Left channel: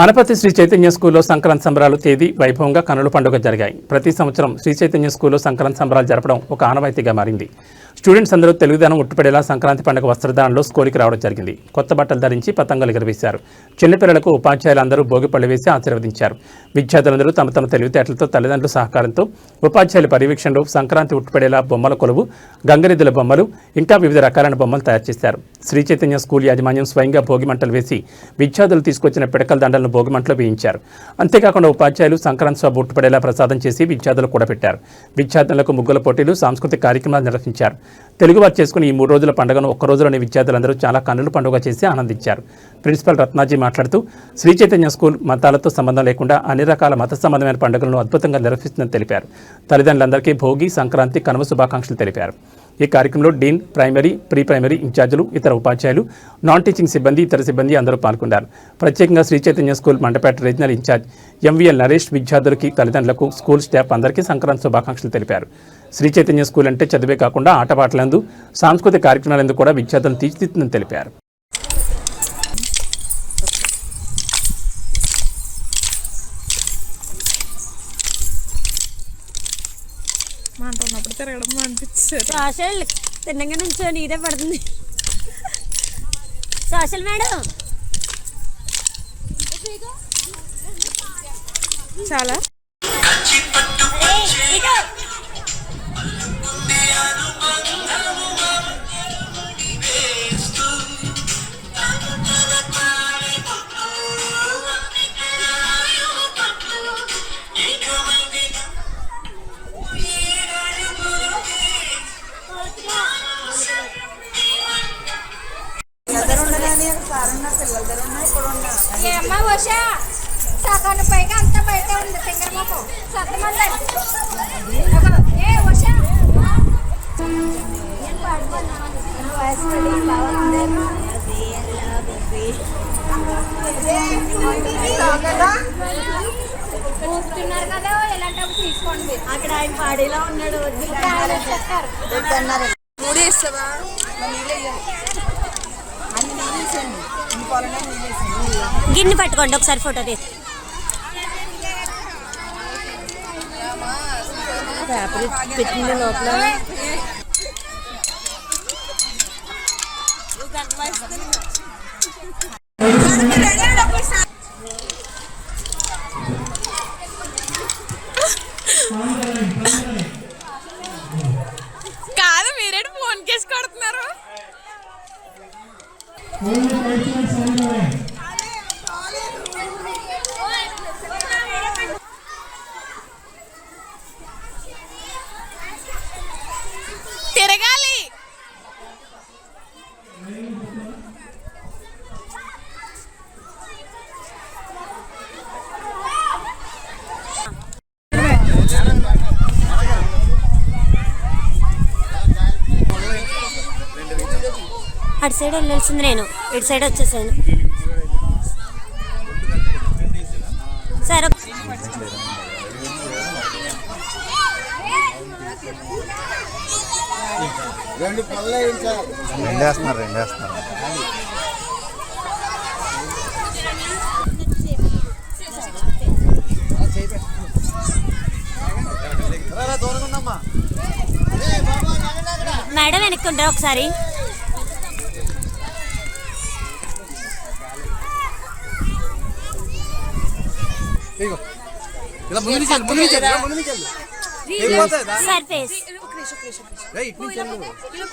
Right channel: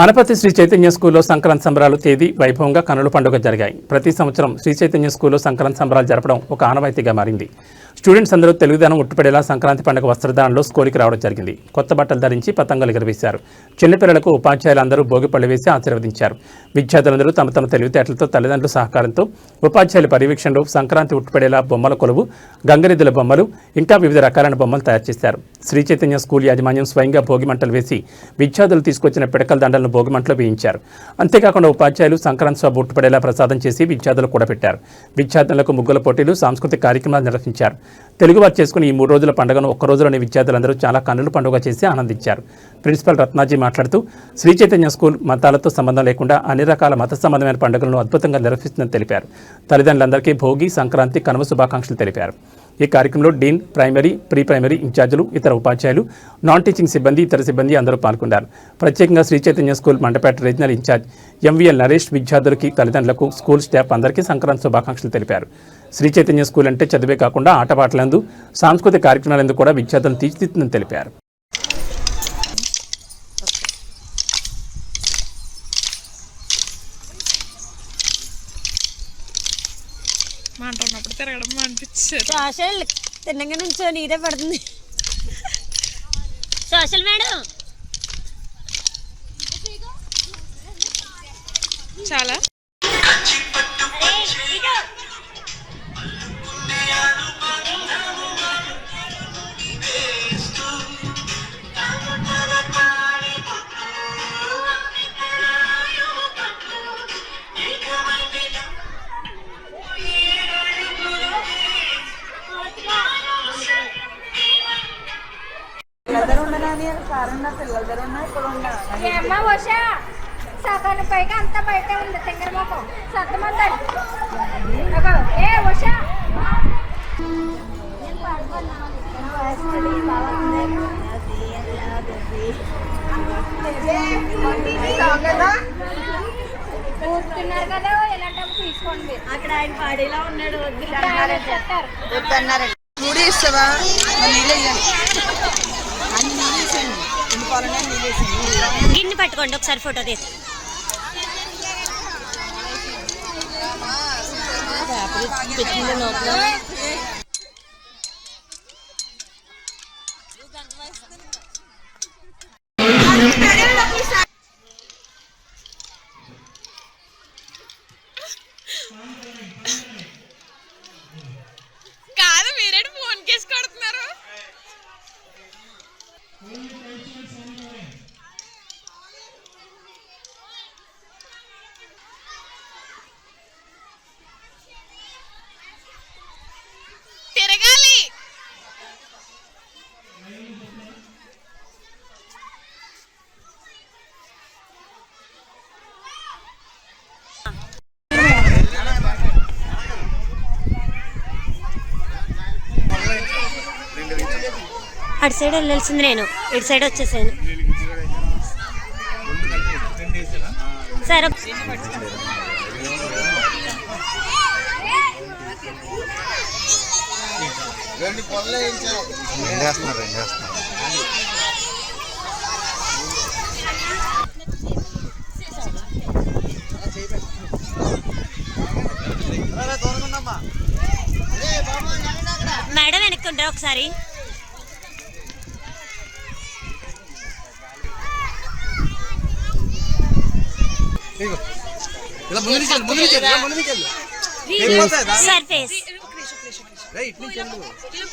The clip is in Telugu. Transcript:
ఆనపతి శ్రీ చైతన్య స్కూల్లో సంక్రాంతి సంబరాలు తేదీ వైభవంగా కనుల పండుగ జరిగాయి. ప్రతి సంవత్సరం శ్రీ చైతన్య స్కూల్లో సంక్రాంతి సంబరాలు జరపడం ఒక ఆనవాయితీగా మారింది. స్టూడెంట్స్ అందరూ తెలుగుదనం ఉట్టుపడేలా సంక్రాంతి పండుగ వస్త్రధారణలో స్కూల్కి రావడం జరిగింది. కొత్త బట్టలు ధరించి పతంగాలు ఎగరవేశారు. చిన్నపిల్లలకు ఉపాధ్యాయులు అందరూ భోగి పళ్ళు వేసి ఆశీర్వదించారు. విద్యార్థులందరూ తమ తమ తెలివితేటలతో తల్లిదండ్రుల సహకారంతో ఉపాధ్యాయుల పర్యవేక్షణలో సంక్రాంతి ఉట్టుపడేలా బొమ్మల కొలువు గంగరెద్దుల బొమ్మలు ఇంకా వివిధ రకాలైన బొమ్మలు తయారు చేశారు. శ్రీ చైతన్య స్కూల్ యాజమాన్యం స్వయంగా భోగి మంటలు వేసి విద్యార్థులు తీసుకొచ్చిన పిడకల దండలను భోగి మంటలో వేయించారు. అంతేకాకుండా ఉపాధ్యాయులు సంక్రాంతి సభ ఉట్టుపడేలా ప్రసాదం చేసి విద్యార్థులు కూడా పెట్టారు. విద్యార్థులకు ముగ్గుల పోటీలు సాంస్కృతిక కార్యక్రమాలు నిర్వహించారు. తెలుగువారు చేసుకుని ఈ మూడు రోజుల పండుగను ఒక్క రోజులోని విద్యార్థులందరూ చాలా కన్నుల పండుగ చేసి ఆనందించారు. ప్రిన్సిపల్ రత్నాజీ మాట్లాడుతూ శ్రీ చైతన్య స్కూల్ మతాలతో సంబంధం లేకుండా అన్ని రకాల మత సంబంధమైన పండుగలను అద్భుతంగా నిర్వహిస్తుందని తెలిపారు. తల్లిదండ్రులందరికీ భోగి సంక్రాంతి కనుమ శుభాకాంక్షలు తెలిపారు. ఈ కార్యక్రమంలో డీన్ ప్రైమరీ ప్రీ ప్రైమరీ ఇన్ఛార్జీలు ఇతర ఉపాధ్యాయులు నాన్ టీచింగ్ సిబ్బంది ఇతర సిబ్బంది అందరూ పాల్గొన్నారు. ప్రత్యేకంగా Shri Chaitanya school Mandapeta regional incharge MVL Naresh విద్యార్థులకి తల్లిదండ్రులకు స్కూల్ స్టాఫ్ అందరికీ సంక్రాంతి శుభాకాంక్షలు తెలిపారు. శ్రీ చైతన్య స్కూల్ అంటే చదివే కాకుండా ఆటపాటలందు సాంస్కృతిక కార్యక్రమాలందు కూడా విద్యార్థులను తీర్చిదిద్దుతుందని తెలిపారు. మాట ఉన్నప్పుడు తిరగడం అనిపించారు సోషల్ తిన్నగా నుంచో నీదే పడుతుంది. Social madam. చాలా. ఏమ్మా ఉషా పైగా అంత బయట ఉంది ఏ ఉషా కదా ఇలాంటప్పుడు తీసుకోండి అక్కడ ఆయన పాడేలా ఉన్నాడు మూడు ఇస్తావా నీళ్ళు గిన్నె పట్టుకోండి ఒకసారి ఫోటో తీసి పెట్టింది నోట్లో. Mm. అటు సైడ్ వెళ్ళాల్సింది నేను. ఇటు సైడ్ వచ్చేసాను. సరే. రెండు మేడం వెనక్కుంటారా ఒకసారి? ఇలా ముందుకు ముందుకు. సర్ఫేస్